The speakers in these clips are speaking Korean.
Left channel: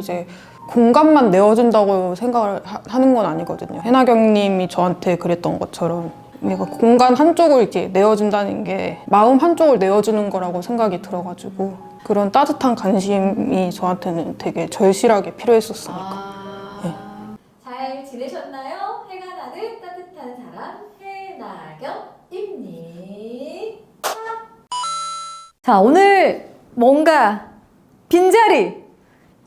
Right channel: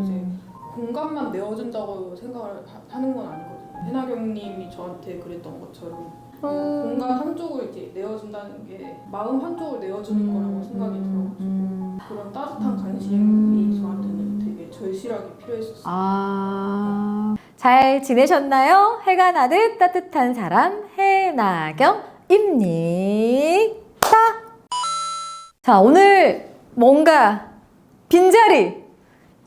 이제 공간만 내어준다고 생각을 하는 건 아니거든요. 해나경님이 저한테 그랬던 것처럼 내가 공간 한쪽을 이렇게 내어준다는 게 마음 한쪽을 내어주는 거라고 생각이 들어가지고 그런 따뜻한 관심이 저한테는 되게 절실하게 필요했었으니까. 잘 지내셨나요? 해가 나듯 따뜻한 사람 해나경입니다. 자, 오늘 뭔가 빈자리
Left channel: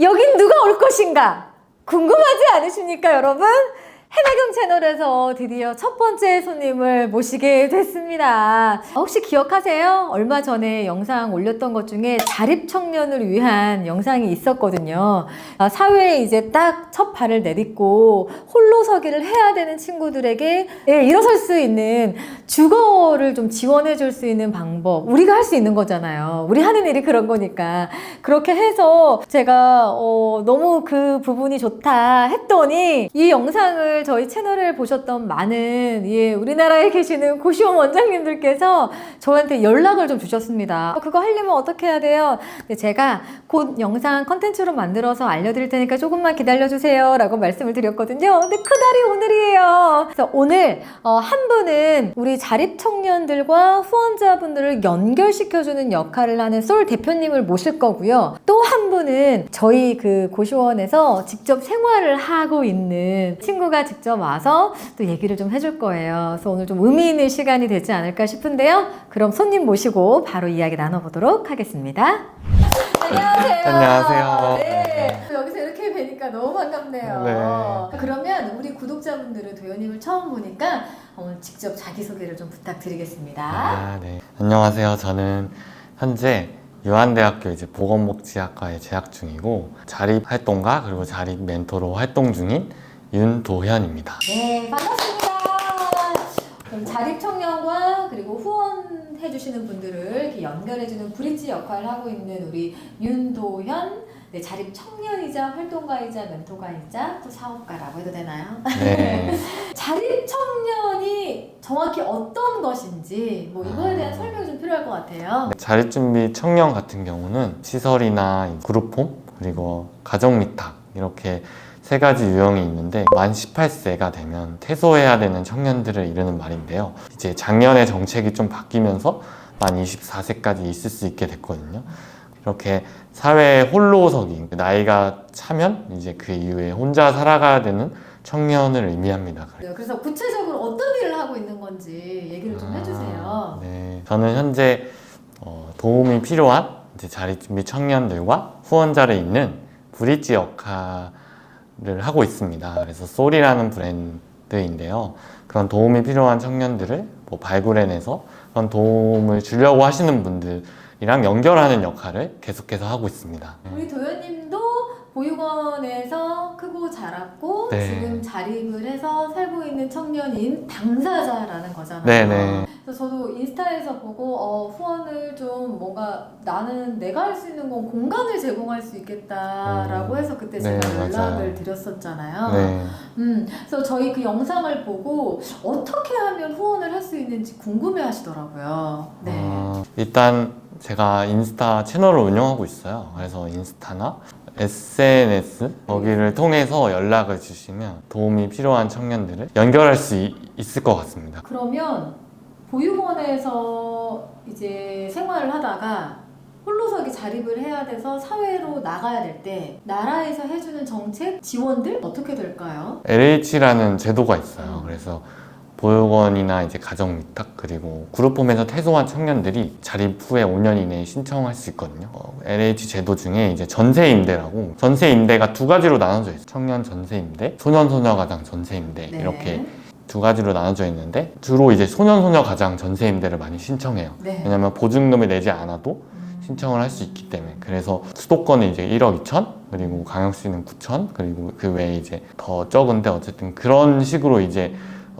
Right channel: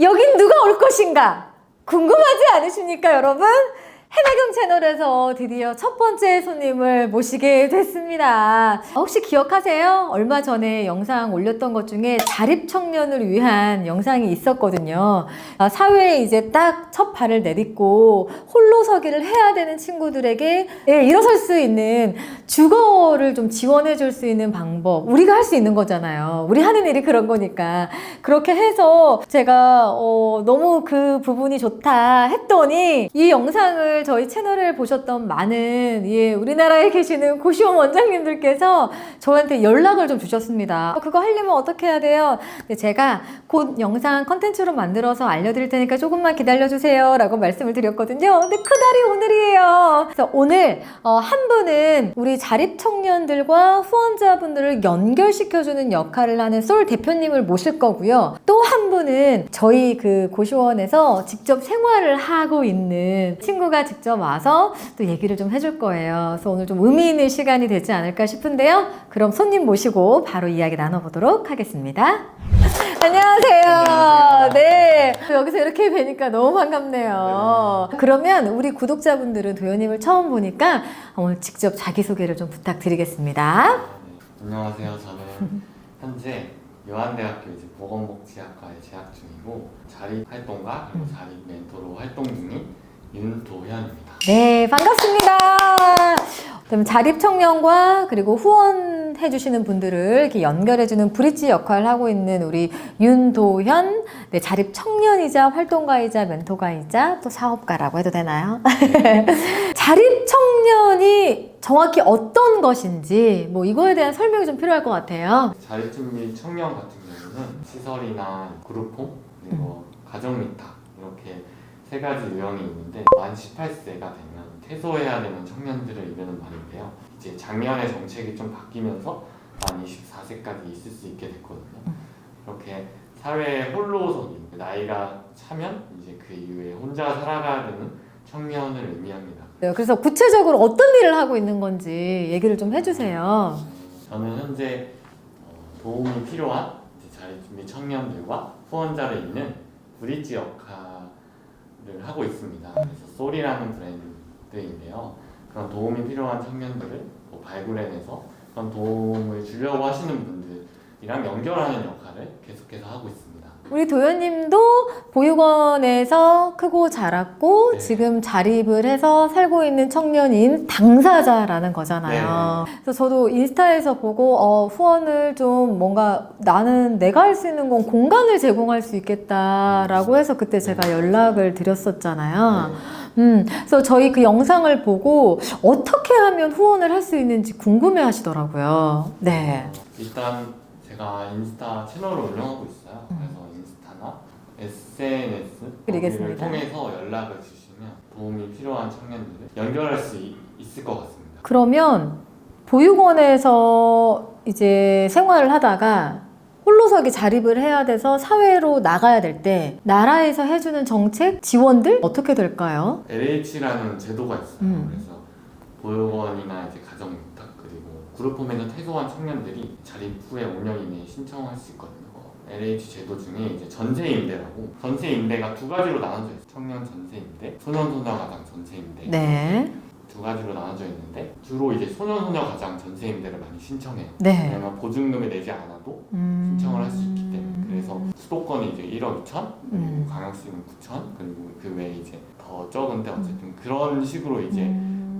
여긴 누가 올 것인가 궁금하지 않으십니까, 여러분? 해나경 채널에서 드디어 첫 번째 손님을 모시게 됐습니다. 혹시 기억하세요? 얼마 전에 영상 올렸던 것 중에 자립청년을 위한 영상이 있었거든요. 사회에 이제 딱 첫 발을 내딛고 홀로 서기를 해야 되는 친구들에게 일어설 수 있는 주거를 좀 지원해 줄 수 있는 방법, 우리가 할 수 있는 거잖아요. 우리 하는 일이 그런 거니까. 그렇게 해서 제가 너무 그 부분이 좋다 했더니 이 영상을 저희 채널을 보셨던 많은 우리나라에 계시는 고시원 원장님들께서 저한테 연락을 좀 주셨습니다. 그거 하려면 어떻게 해야 돼요? 근데 제가 곧 영상 컨텐츠로 만들어서 알려드릴 테니까 조금만 기다려주세요 라고 말씀을 드렸거든요. 근데 그날이 오늘이에요. 그래서 오늘 한 분은 우리 자립청년들과 후원자분들을 연결시켜주는 역할을 하는 솔 대표님을 모실 거고요. 또 한 분은 저희 그 고시원에서 직접 생활을 하고 있는 친구가 직접 와서 또 얘기를 좀 해줄 거예요. 그래서 오늘 좀 의미 있는 시간이 되지 않을까 싶은데요. 그럼 손님 모시고 바로 이야기 나눠보도록 하겠습니다. 안녕하세요. 안녕하세요. 네. 여기서 이렇게 뵈니까 너무 반갑네요. 네. 그러면 우리 구독자분들은 도현님을 처음 보니까 오늘 직접 자기소개를 좀 부탁드리겠습니다. 네. 안녕하세요. 저는 현재 유한대학교 이제 보건복지학과에 재학 중이고 자립활동가 그리고 자립 멘토로 활동 중인 윤도현입니다. 네, 반갑습니다. 그럼 자립청년과 그리고 후원해주시는 분들을 이렇게 연결해주는 브릿지 역할을 하고 있는 우리 윤도현, 네, 자립청년이자 활동가이자 멘토가이자 또 사업가라고 해도 되나요? 네. 자립청년이 정확히 어떤 것인지 뭐 이거에 대한 설명이 좀 필요할 것 같아요. 자립준비 청년 같은 경우는 시설이나 그룹홈 그리고 가정미탁 이렇게 세 가지 유형이 있는데 만 18세가 되면 퇴소해야 되는 청년들을 이르는 말인데요. 이제 작년에 정책이 좀 바뀌면서 만 24세까지 있을 수 있게 됐거든요. 이렇게 사회에 홀로서기, 나이가 차면 이제 그 이후에 혼자 살아가야 되는 청년을 의미합니다. 그래서 구체적으로 어떤 일을 하고 있는 건지 얘기를 좀 해주세요. 네. 저는 현재 도움이 필요한 이제 자립준비 청년들과 후원자를 잇는 브릿지 역할을 하고 있습니다. 그래서 솔이라는 브랜드인데요. 그런 도움이 필요한 청년들을 발굴해내서 그런 도움을 주려고 하시는 분들이랑 연결하는 역할을 계속해서 하고 있습니다. 우리 도현님도 보육원에서 크고 자랐고 네. 지금 자립을 해서 살고 있는 청년인 당사자라는 거잖아요. 네네. 그래서 저도 인스타에서 보고 후원을 좀 뭔가 나는 내가 할 수 있는 건 공간을 제공할 수 있겠다라고 해서 그때 제가 네, 연락을 맞아요. 드렸었잖아요. 네. 그래서 저희 그 영상을 보고 어떻게 하면 후원을 할 수 있는지 궁금해 하시더라고요. 네. 일단 제가 인스타 채널을 운영하고 있어요. 그래서 인스타나 SNS 거기를 알겠습니다. 통해서 연락을 주시면 도움이 필요한 청년들을 연결할 수 있을 것 같습니다. 그러면 보육원에서 이제 생활을 하다가 홀로서기 자립을 해야 돼서 사회로 나가야 될 때 나라에서 해주는 정책, 지원들 어떻게 될까요? LH라는 제도가 있어요. 그래서 보육원이나 이제 가정위탁 그리고 그룹홈에서 퇴소한 청년들이 자립 후에 5년 이내에 신청할 수 있거든요. LH 제도 중에 이제 전세임대라고 전세임대가 두 가지로 나눠져 있어요. 청년 전세임대, 소년소녀가장 전세임대 네. 이렇게 두 가지로 나눠져 있는데 주로 이제 소년소녀가장 전세임대를 많이 신청해요. 네. 왜냐면 보증금을 내지 않아도 신청을 할 수 있기 때문에. 그래서 수도권은 이제 1억 2천 그리고 광역시는 9천 그리고 그 외에 이제 더 적은데 어쨌든 그런 식으로 이제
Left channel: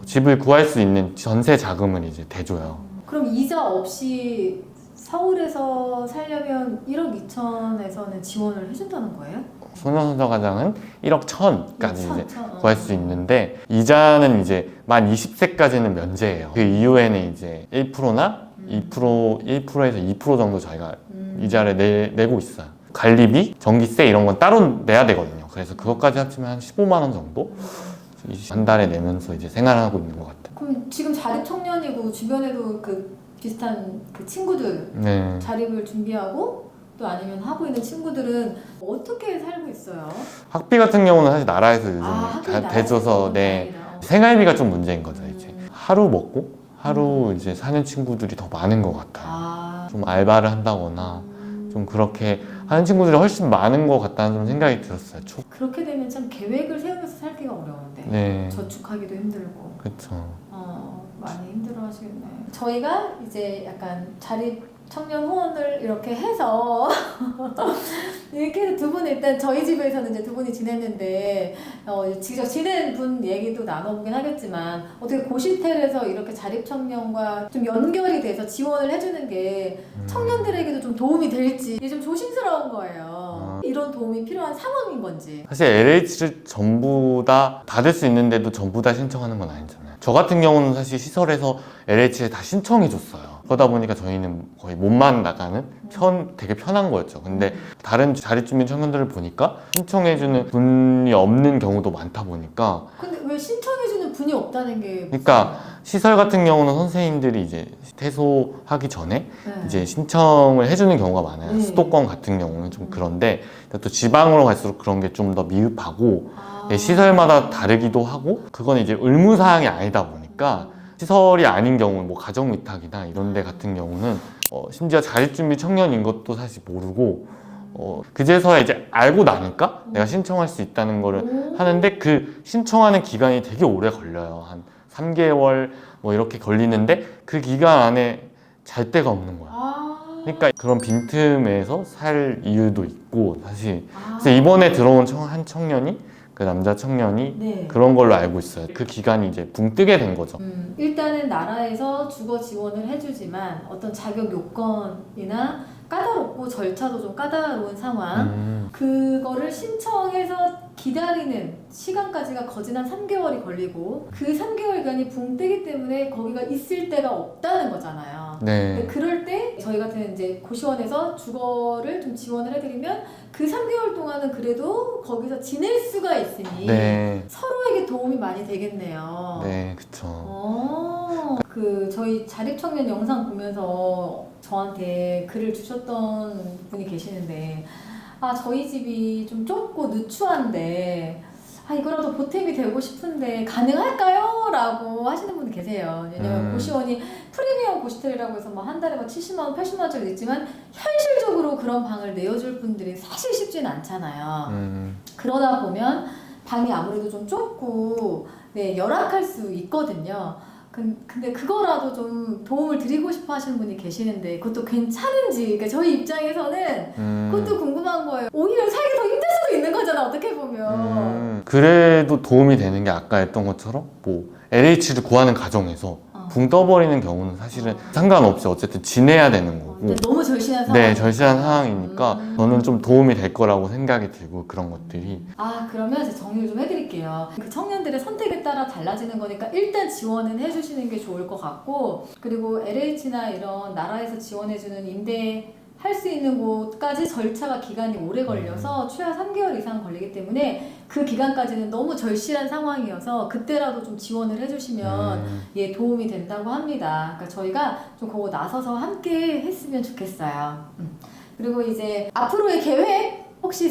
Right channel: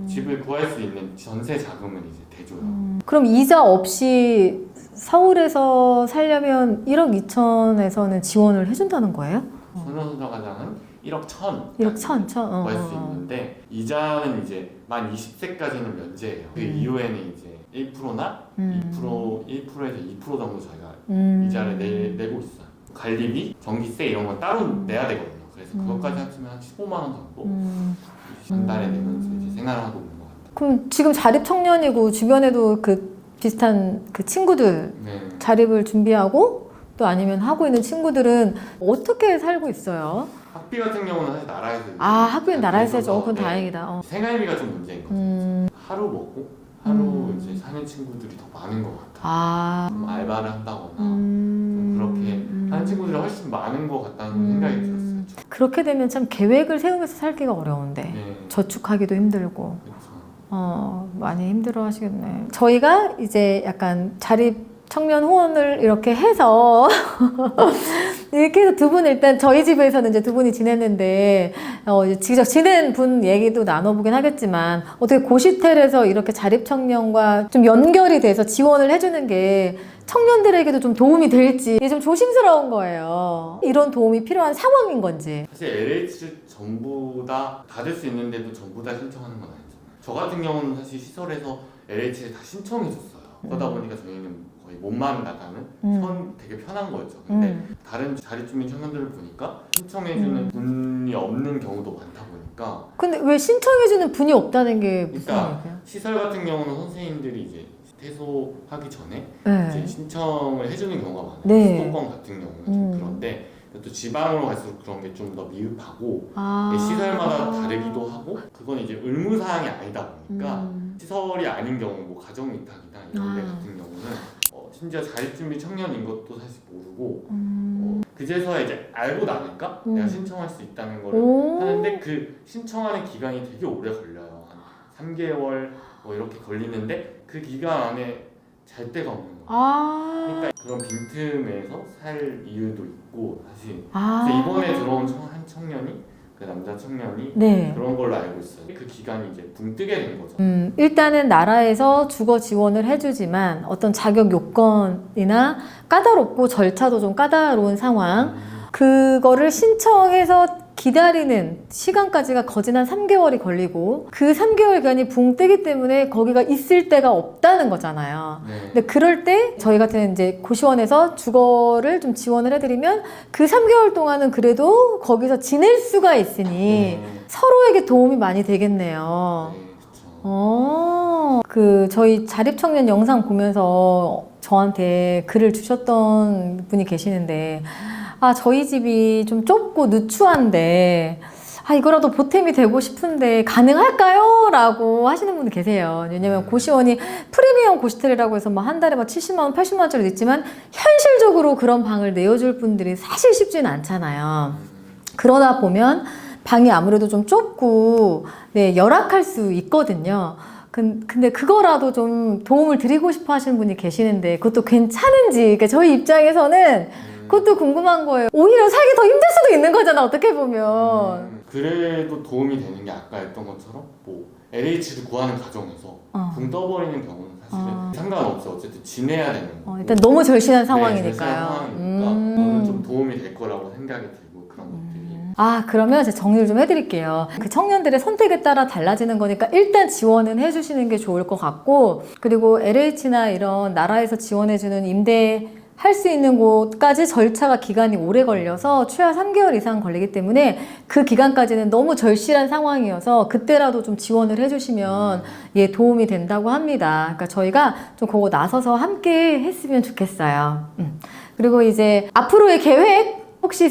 집을 구할 수 있는 전세 자금을 이제 대줘요. 그럼 이자 없이 서울에서 살려면 1억 2천에서는 지원을 해준다는 거예요? 소년소녀가장은 1억 1천까지 1천, 이제 구할 수 있는데 이자는 이제 만 20세까지는 면제예요. 그 이후에는 이제 1%나 1%에서 2% 정도 저희가 이자를 내고 있어요. 관리비, 전기세 이런 건 따로 내야 되거든요. 그래서 그것까지 합치면 한 15만 원 정도 한 달에 내면서 이제 생활하고 있는 것 같아요. 그럼 지금 자립 청년이고 주변에도 그 비슷한 그 친구들 네. 자립을 준비하고 또 아니면 하고 있는 친구들은 어떻게 살고 있어요? 학비 같은 경우는 사실 나라에서 요즘 학교에 잘 나라에서 대줘서, 해서 네. 다행이다. 생활비가 좀 문제인 거죠. 이제 하루 먹고 하루 이제 사는 친구들이 더 많은 것 같아요. 좀 알바를 한다거나 좀 그렇게 하는 친구들이 훨씬 많은 것 같다는 좀 생각이 들었어요. 그렇게 되면 참 계획을 세우면서 살기가 어려운데 네. 저축하기도 힘들고 그렇죠. 많이 힘들어 하시겠네. 저희가 이제 약간 자립 청년 후원을 이렇게 해서 이렇게 해서 두 분 일단 저희 집에서는 이제 두 분이 지냈는데 이제 직접 지낸 분 얘기도 나눠보긴 하겠지만 어떻게 고시텔에서 이렇게 자립 청년과 좀 연결이 돼서 지원을 해주는 게 청년들에게도 좀 도움이 될지 좀 조심스러운 거예요. 이런 도움이 필요한 상황인 건지. 사실 LH를 전부 다 받을 수 있는데도 전부 다 신청하는 건 아니잖아요. 저 같은 경우는 사실 시설에서 LH에 다 신청해 줬어요. 그러다 보니까 저희는 거의 몸만 나가는 되게 편한 거였죠. 근데 다른 자립주민 청년들을 보니까 신청해주는 분이 없는 경우도 많다 보니까 근데 왜 신청해주는 분이 없다는 게 무슨 그러니까 말이에요? 시설 같은 경우는 선생님들이 이제 퇴소하기 전에 네. 이제 신청을 해주는 경우가 많아요. 네. 수도권 같은 경우는 좀 그런데 또 지방으로 갈수록 그런 게 좀 더 미흡하고 시설마다 다르기도 하고 그건 이제 의무사항이 아니다 보니까 시설이 아닌 경우 뭐 가정위탁이나 이런 데 같은 경우는 심지어 자립준비 청년인 것도 사실 모르고 그제서야 이제 알고 나니까 내가 신청할 수 있다는 거를 하는데 그 신청하는 기간이 되게 오래 걸려요. 한 3개월 뭐 이렇게 걸리는데 그 기간 안에 잘 데가 없는 거예요. 그러니까 그런 빈틈에서 살 이유도 있고 사실 그래서 이번에 들어온 한 청년이 그 남자 청년이 네. 그런 걸로 알고 있어요. 그 기간이 이제 붕 뜨게 된 거죠. 일단은 나라에서 주거 지원을 해주지만 어떤 자격 요건이나 까다롭고 절차도 좀 까다로운 상황 그거를 신청해서 기다리는 시간까지가 거진 한 3개월이 걸리고 그 3개월 기간이 붕 뜨기 때문에 거기가 있을 데가 없다는 거잖아요. 네. 근데 그럴 때 저희 같은 이제 고시원에서 주거를 좀 지원을 해드리면 그 3개월 동안은 그래도 거기서 지낼 수가 있으니 네. 서로에게 도움이 많이 되겠네요. 네, 그쵸. 그 저희 자립청년 영상 보면서 저한테 글을 주셨던 분이 계시는데 저희 집이 좀 좁고 누추한데 이거라도 보탬이 되고 싶은데 가능할까요? 라고 하시는 분이 계세요. 왜냐면 고시원이 프리미엄 고시텔이라고 해서 한 달에 70만 원, 80만 원짜리 있지만 현실적으로 그런 방을 내어줄 분들이 사실 쉽지는 않잖아요. 그러다 보면 방이 아무래도 좀 좁고 열악할 수 있거든요. 근데 그거라도 좀 도움을 드리고 싶어 하시는 분이 계시는데 그것도 괜찮은지 그러니까 저희 입장에서는 그것도 궁금한 거예요. 오히려 살기 더 힘들 수도 있는 거잖아 어떻게 보면. 그래도 도움이 되는 게 아까 했던 것처럼 뭐 LH를 구하는 과정에서 붕 떠버리는 경우는 사실은 상관없이 어쨌든 지내야 되는 거고 일단 너무 절실한 상황이니까. 네, 절실한 상황이니까 저는 좀 도움이 될 거라고 생각이 들고 그런 것들이 그러면 제가 정리를 좀 해드릴게요. 그 청년들의 선택에 따라 달라지는 거니까 일단 지원은 해주시는 게 좋을 것 같고 그리고 LH나 이런 나라에서 지원해주는 임대 할 수 있는 곳까지 절차가 기간이 오래 걸려서 최하 3개월 이상 걸리기 때문에 그 기간까지는 너무 절실한 상황이어서 그때라도 좀 지원을 해주시면 도움이 된다고 합니다. 그러니까 저희가 좀 그거 나서서 함께 했으면 좋겠어요. 그리고 이제 앞으로의 계획 혹시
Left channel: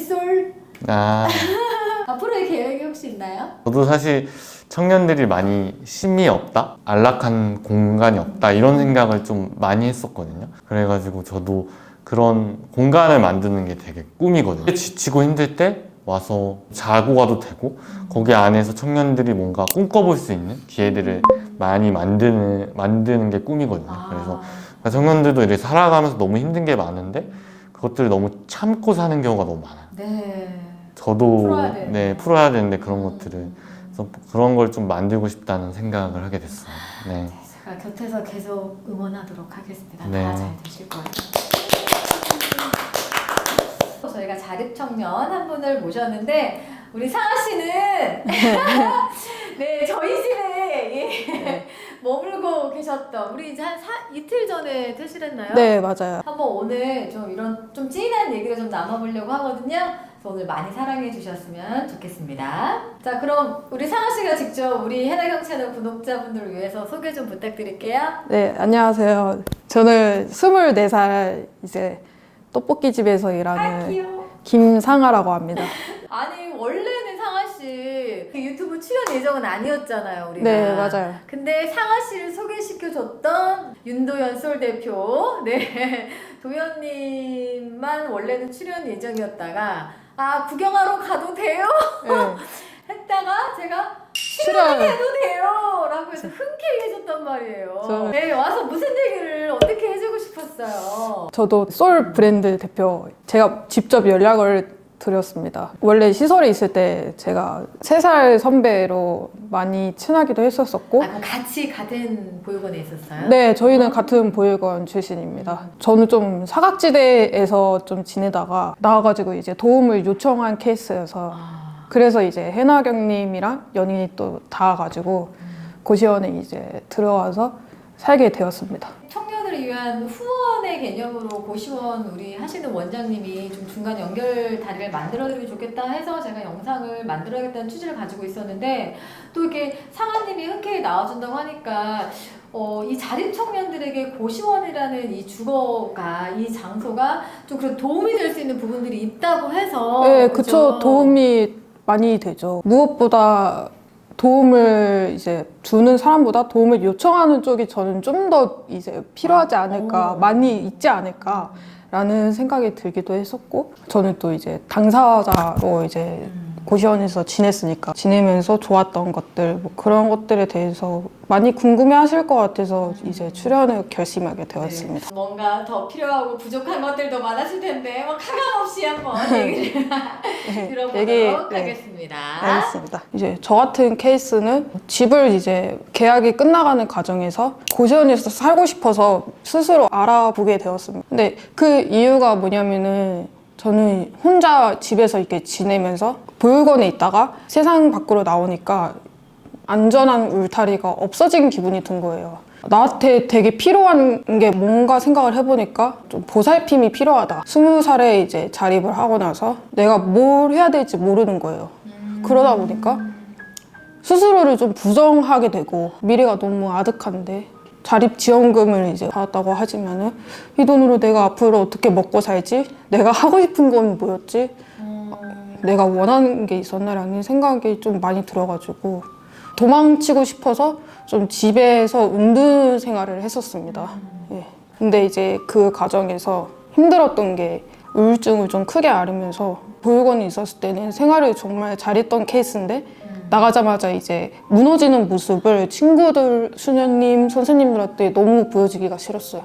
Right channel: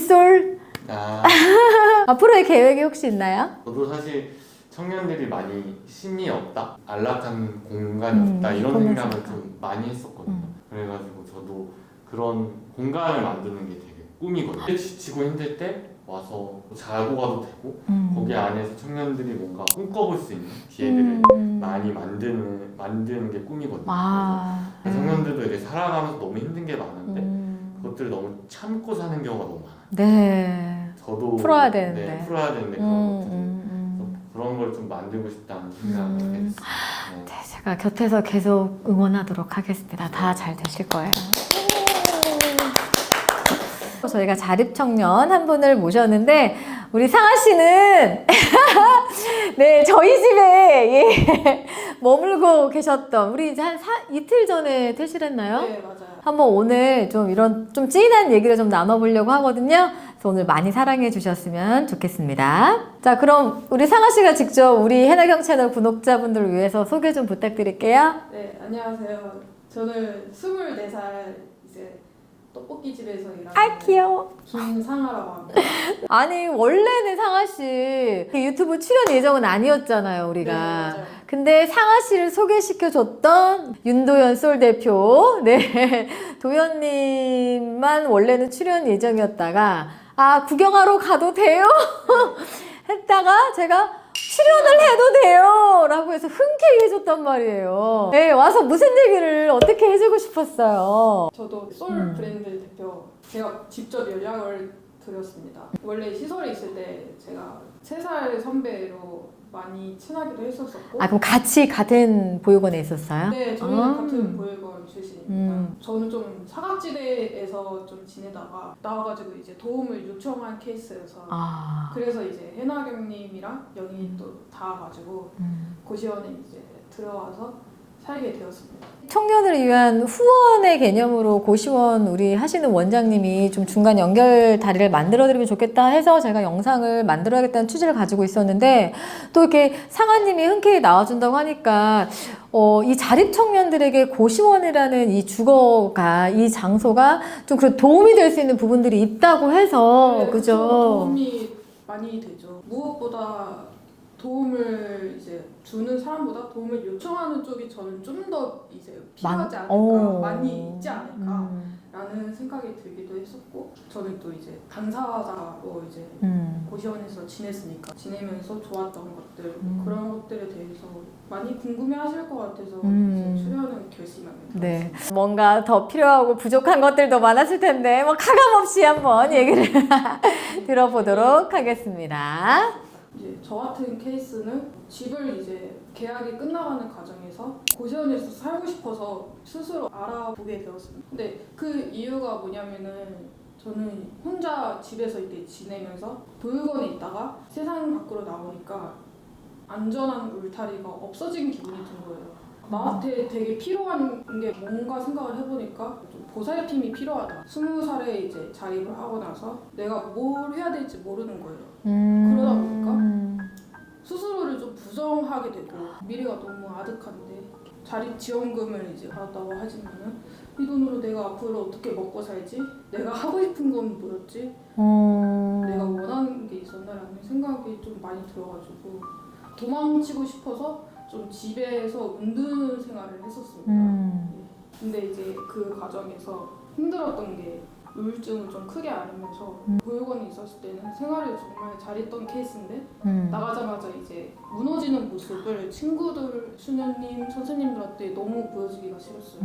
앞으로의 계획이 혹시 있나요? 저도 사실 청년들이 많이 쉼이 없다? 안락한 공간이 없다? 이런 생각을 좀 많이 했었거든요. 그래가지고 저도 그런 공간을 만드는 게 되게 꿈이거든요. 지치고 힘들 때 와서 자고 가도 되고 거기 안에서 청년들이 뭔가 꿈꿔볼 수 있는 기회들을 많이 만드는 게 꿈이거든요. 그래서 청년들도 이렇게 살아가면서 너무 힘든 게 많은데 그것들을 너무 참고 사는 경우가 너무 많아요. 네. 저도 풀어야 되는데. 풀어야 되는데 그런 것들을 그래서 그런 걸 좀 만들고 싶다는 생각을 하게 됐어요. 네. 제가 곁에서 계속 응원하도록 하겠습니다. 네. 다 잘 되실 거예요. 저희가 자립청년 한 분을 모셨는데 우리 상아 씨는 네 저희 집에 예, 머물고 계셨던 우리 이제 한 이틀 전에 퇴실했나요? 네, 맞아요. 한번 오늘 좀 이런 좀 찐한 얘기를 좀 나눠보려고 하거든요. 그래서 오늘 많이 사랑해 주셨으면 좋겠습니다. 자, 그럼 우리 상아 씨가 직접 우리 해나경 채널 구독자분들을 위해서 소개 좀 부탁드릴게요. 네, 안녕하세요. 저는 24살 이제 떡볶이집에서 아, 일하는 귀여워. 김상아라고 합니다. 아니 원래는 상아 씨 유튜브 출연 예정은 아니었잖아요, 우리가. 네, 맞아요. 근데 상아 씨를 소개시켜줬던 윤도현 솔 대표, 네 도현님만 원래는 출연 예정이었다가 아 구경하러 가도 돼요? 했다가 제가 출연을 해도 돼요! 라고 해서 흔쾌히 해줬단 말이에요. 네, 와서 무슨 얘기를 어떻게 해주고 싶었어요? 저도 솔 브랜드 대표 제가 직접 연락을 드렸습니다. 원래 시설에 있을 때 제가 3살 선배로 많이 친하기도 했었었고 아, 그럼 같이 같은 보육원에 있었어요? 네, 저희는 같은 보육원 출신입니다. 저는 좀 사각지대에서 좀 지내다가 나와가지고 이제 도움을 요청한 케이스여서 그래서 이제 해나경님이랑 연인이 또 닿아가지고 고시원에 이제 들어와서 살게 되었습니다. 청년을 위한 후원의 개념으로 고시원 우리 하시는 원장님이 좀 중간 연결 다리를 만들어드리면 좋겠다 해서 제가 영상을 만들어야겠다는 취지를 가지고 있었는데 또 이렇게 상아님이 흔쾌히 나와준다고 하니까 이 자립 청년들에게 고시원이라는 이 주거가 이 장소가 좀 그런 도움이 될 수 있는 부분들이 있다고 해서 네, 그죠? 그쵸. 도움이 많이 되죠. 무엇보다 도움을 이제 주는 사람보다 도움을 요청하는 쪽이 저는 좀 더 이제 필요하지 않을까, 많이 있지 않을까라는 생각이 들기도 했었고, 저는 또 이제 당사자로 이제 고시원에서 지내면서 좋았던 것들, 뭐 그런 것들에 대해서 많이 궁금해 하실 것 같아서 이제 출연을 결심하게 되었습니다. 네. 뭔가 더 필요하고 부족한 것들도 많았을 텐데 뭐 가감없이 한번 얘기를 들어보도록 되게, 하겠습니다. 알겠습니다. 이제 저 같은 케이스는 집을 이제 계약이 끝나가는 과정에서 고시원에서 살고 싶어서 스스로 알아보게 되었습니다. 근데 그 이유가 뭐냐면은 저는 혼자 집에서 이렇게 지내면서 보육원에 있다가 세상 밖으로 나오니까 안전한 울타리가 없어진 기분이 든 거예요. 나한테 되게 필요한 게 뭔가 생각을 해보니까 좀 보살핌이 필요하다. 20살에 이제 자립을 하고 나서 내가 뭘 해야 될지 모르는 거예요. 그러다 보니까 스스로를 좀 부정하게 되고 미래가 너무 아득한데 자립지원금을 이제 받았다고 하지만은 이 돈으로 내가 앞으로 어떻게 먹고 살지? 내가 하고 싶은 건 뭐였지? 내가 원하는 게 있었나라는 생각이 좀 많이 들어가지고 도망치고 싶어서 좀 집에서 은둔 생활을 했었습니다. 예. 근데 이제 그 과정에서 힘들었던 게 우울증을 좀 크게 앓으면서 보육원에 있었을 때는 생활을 정말 잘했던 케이스인데 나가자마자 이제 무너지는 모습을 친구들, 수녀님, 선생님들한테 너무 보여주기가 싫었어요.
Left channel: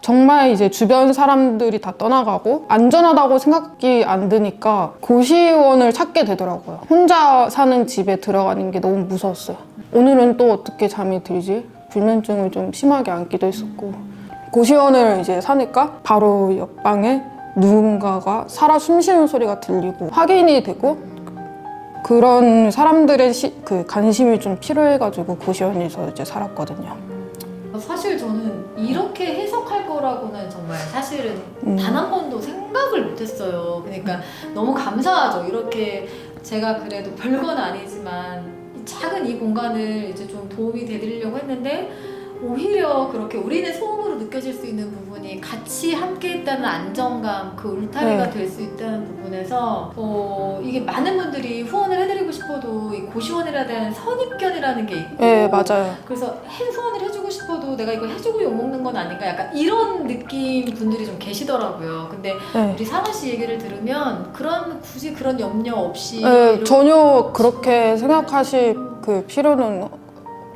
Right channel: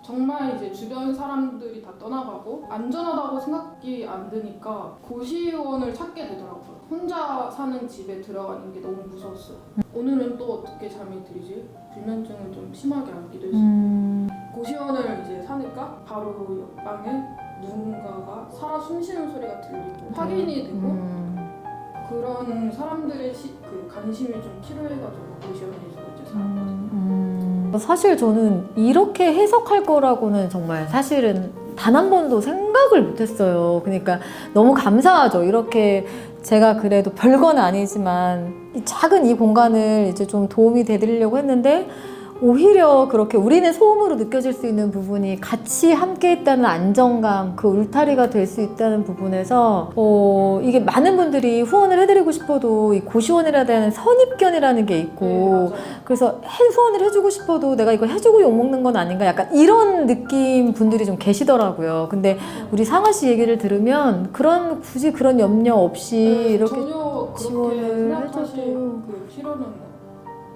정말 이제 주변 사람들이 다 떠나가고 안전하다고 생각이 안 드니까 고시원을 찾게 되더라고요. 혼자 사는 집에 들어가는 게 너무 무서웠어요. 오늘은 또 어떻게 잠이 들지? 불면증을 좀 심하게 앓기도 했었고 고시원을 이제 사니까 바로 옆방에 누군가가 살아 숨쉬는 소리가 들리고 확인이 되고 그런 사람들의 그 관심이 좀 필요해가지고 고시원에서 이제 살았거든요. 사실 저는 이렇게 해석할 거라고는 정말 사실은 단 한 번도 생각을 못했어요. 그러니까 너무 감사하죠. 이렇게 제가 그래도 별건 아니지만 작은 이 공간을 이제 좀 도움이 되드리려고 했는데 오히려 그렇게 우리는 소음으로 느껴질 수 있는 부분이 같이 함께 했다는 안정감, 그 울타리가 될 수 있다는 부분에서 이게 많은 분들이 후원을 해드리고 싶어도 이 고시원이라는 데는 선입견이라는 게 있고 네, 맞아요. 그래서 후원을 해주고 싶어도 내가 이거 해주고 욕먹는 건 아닌가 약간 이런 느낌 분들이 좀 계시더라고요. 근데 네. 우리 상아 씨 얘기를 들으면 굳이 그런 염려 없이 네, 이렇게 전혀 그렇게 생각하실 그 필요는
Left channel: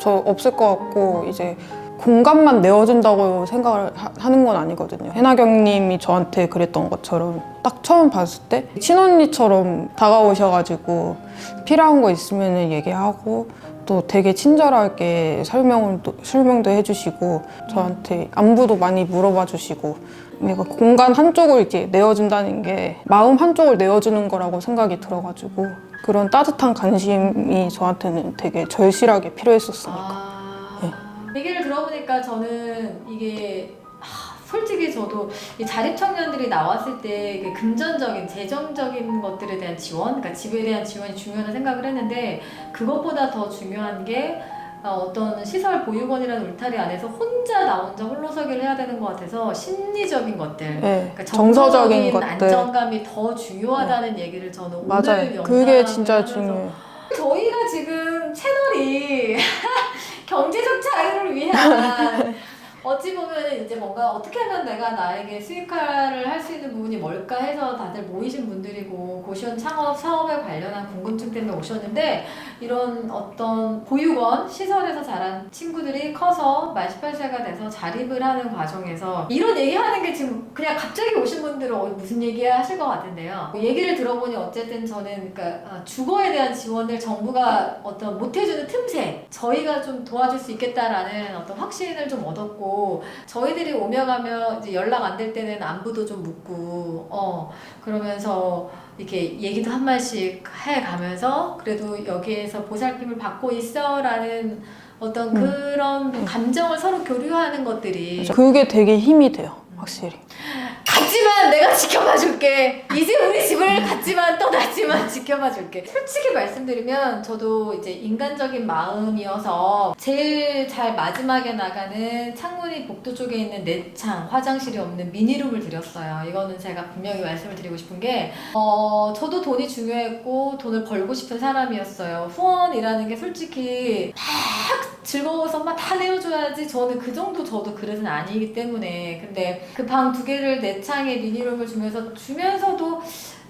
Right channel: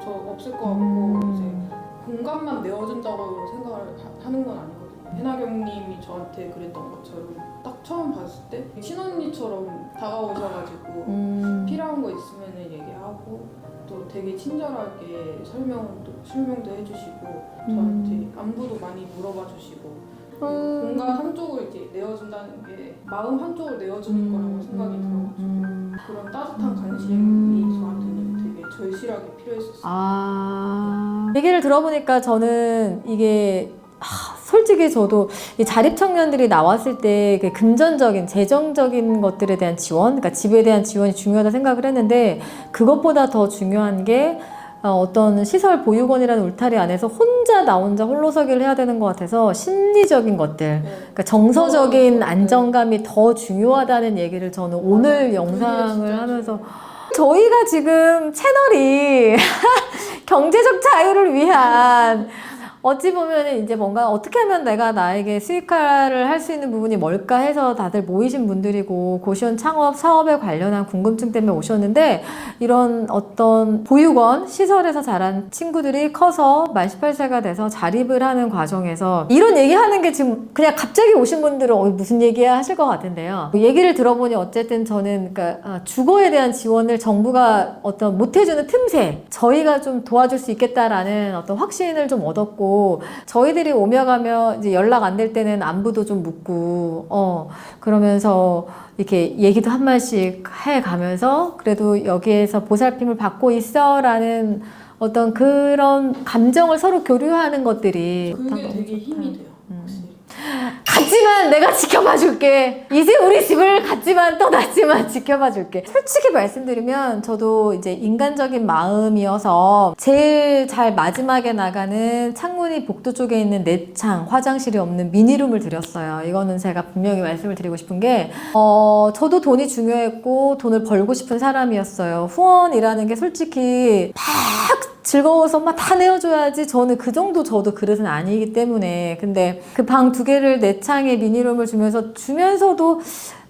저 없을 것 같고 이제 공간만 내어준다고 생각을 하는 건 아니거든요. 해나경님이 저한테 그랬던 것처럼 딱 처음 봤을 때 친언니처럼 다가오셔가지고 필요한 거 있으면 얘기하고 또 되게 친절하게 설명도 해주시고 저한테 안부도 많이 물어봐 주시고 그러니까 공간 한쪽을 이렇게 내어준다는 게 마음 한쪽을 내어주는 거라고 생각이 들어가지고 그런 따뜻한 관심이 저한테는 되게 절실하게 필요했었어요. 얘기를 들어보니까 저는 이게 솔직히 저도 이 자립 청년들이 나왔을 때 그 금전적인 재정적인 것들에 대한 지원, 그러니까 집에 대한 지원이 중요하다 생각을 했는데 그것보다 더 중요한 게 어떤 시설 보육원이라는 울타리 안에서 나 혼자 홀로서기를 해야 되는 것 같아서 심리적인 것들, 네, 그러니까 정서적인 것들. 안정감이 더 중요하다는 얘기를 저는 맞아요. 오늘 영상을 그게 진짜 하면서 중요해요. 저희가 지금 채널이 경제적 자유를 위한 어찌 보면 이제 뭔가 어떻게 하면 내가 나에게 수익화를 할 수 있는 부분이 뭘까 해서 다들 모이신 분들이고 고시원 창업 사업에 관련한 궁금증 때문에 오셨는데 이런 어떤 보육원 시설에서 자란 친구들이 커서 만 18세가 돼서 자립을 하는 과정에서 이런 얘기하는 게 지금 그냥 갑자기 오신 분들은 무슨 얘기야 하실 것 같은데요. 얘기를 들어보니 어쨌든 저는 그러니까 주거에 대한 지원을 정부가 어떤 못 해주는 틈새 저희가 좀 도와줄 수 있겠다라는 어떤 확신을 좀 얻었고 저희들이 오며 가며 이제 연락 안 될 때는 안부도 좀 묻고 그러면서 이렇게 얘기도 한 마디씩 해 가면서 그래도 여기에서 보살핌을 받고 있어라는 어떤 그런 감정을 서로 교류하는 것들이 그게 되게 힘이 돼요, 확실히. 갔지만 내가 지켜봐 줄게. 이제 우리 집을 갔지만 떠났지만 지켜봐 줄게. 솔직히 말씀드리면 저도 이제 인간적인 마음이어서 제일 잘 마지막에 나가는 창문이 복도 쪽에 있는 내창 화장실이 없는 미니룸을 드렸어요. 이거는 제가 분명히 말씀을 드리고 싶은 게 저도 돈이 중요했고 돈을 벌고 싶은 사람이었어요. 후원이라는 게 솔직히 막 즐거워서 막 다 내어줘야지 저는 그 정도 저도 그릇은 아니기 때문에 근데 그 방 2개를 내창에 미니룸을 주면서도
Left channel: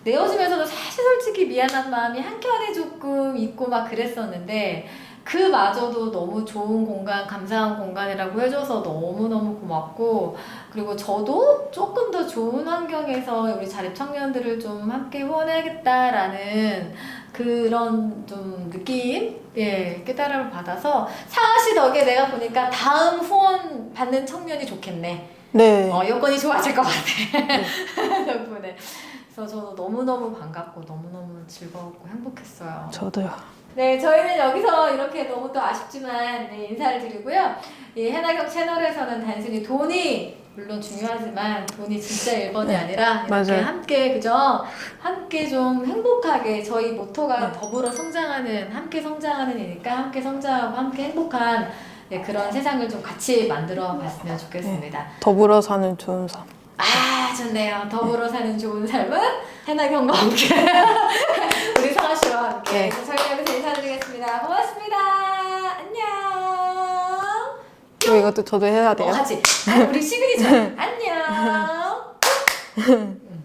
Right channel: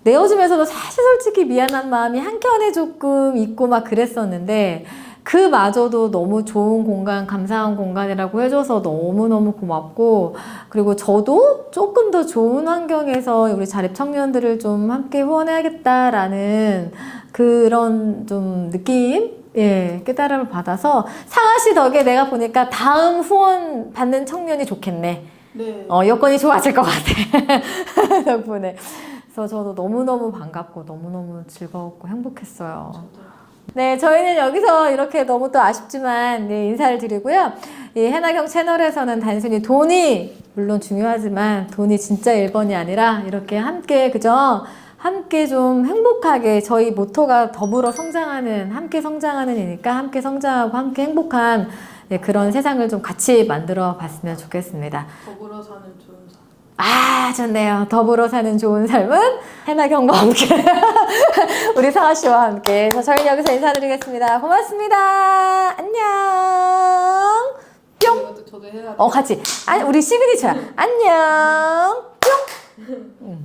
내어주면서도 사실 솔직히 미안한 마음이 한켠에 조금 있고 막 그랬었는데 그마저도 너무 좋은 공간, 감사한 공간이라고 해줘서 너무너무 고맙고 그리고 저도 조금 더 좋은 환경에서 우리 자립 청년들을 좀 함께 후원해야겠다라는 그런 좀 느낌? 예, 깨달음을 받아서 사아씨 덕에 내가 보니까 다음 후원 받는 청년이 좋겠네. 네. 여건이 좋아질 것 같아. 덕분에. 그래서 저도 너무너무 반갑고 너무너무 즐거웠고 행복했어요. 저도요. 네, 저희는 여기서 이렇게 너무 또 아쉽지만 네, 인사를 드리고요. 이 해나경 채널에서는 단순히 돈이 물론 중요하지만 돈이 진짜 1번이 아니라 이렇게 맞아요. 함께 그죠? 함께 좀 행복하게 저희 모토가 더불어 성장하는 함께 성장하는 이니까 함께 성장하고 함께 행복한 네, 그런 세상을 좀 같이 만들어 봤으면 좋겠습니다. 더불어 사는 좋은 삶. 아, 좋네요. 더불어 사는 좋은 삶은 해나경과 함께 우리 사아 씨와 함께. 그래서 저희 여기서 인사드리겠습니다. 고맙습니다. 안녕. 이것도 저도 해야 돼요. 같이. 아니, 우리 시그니처. 안녕. 뿅.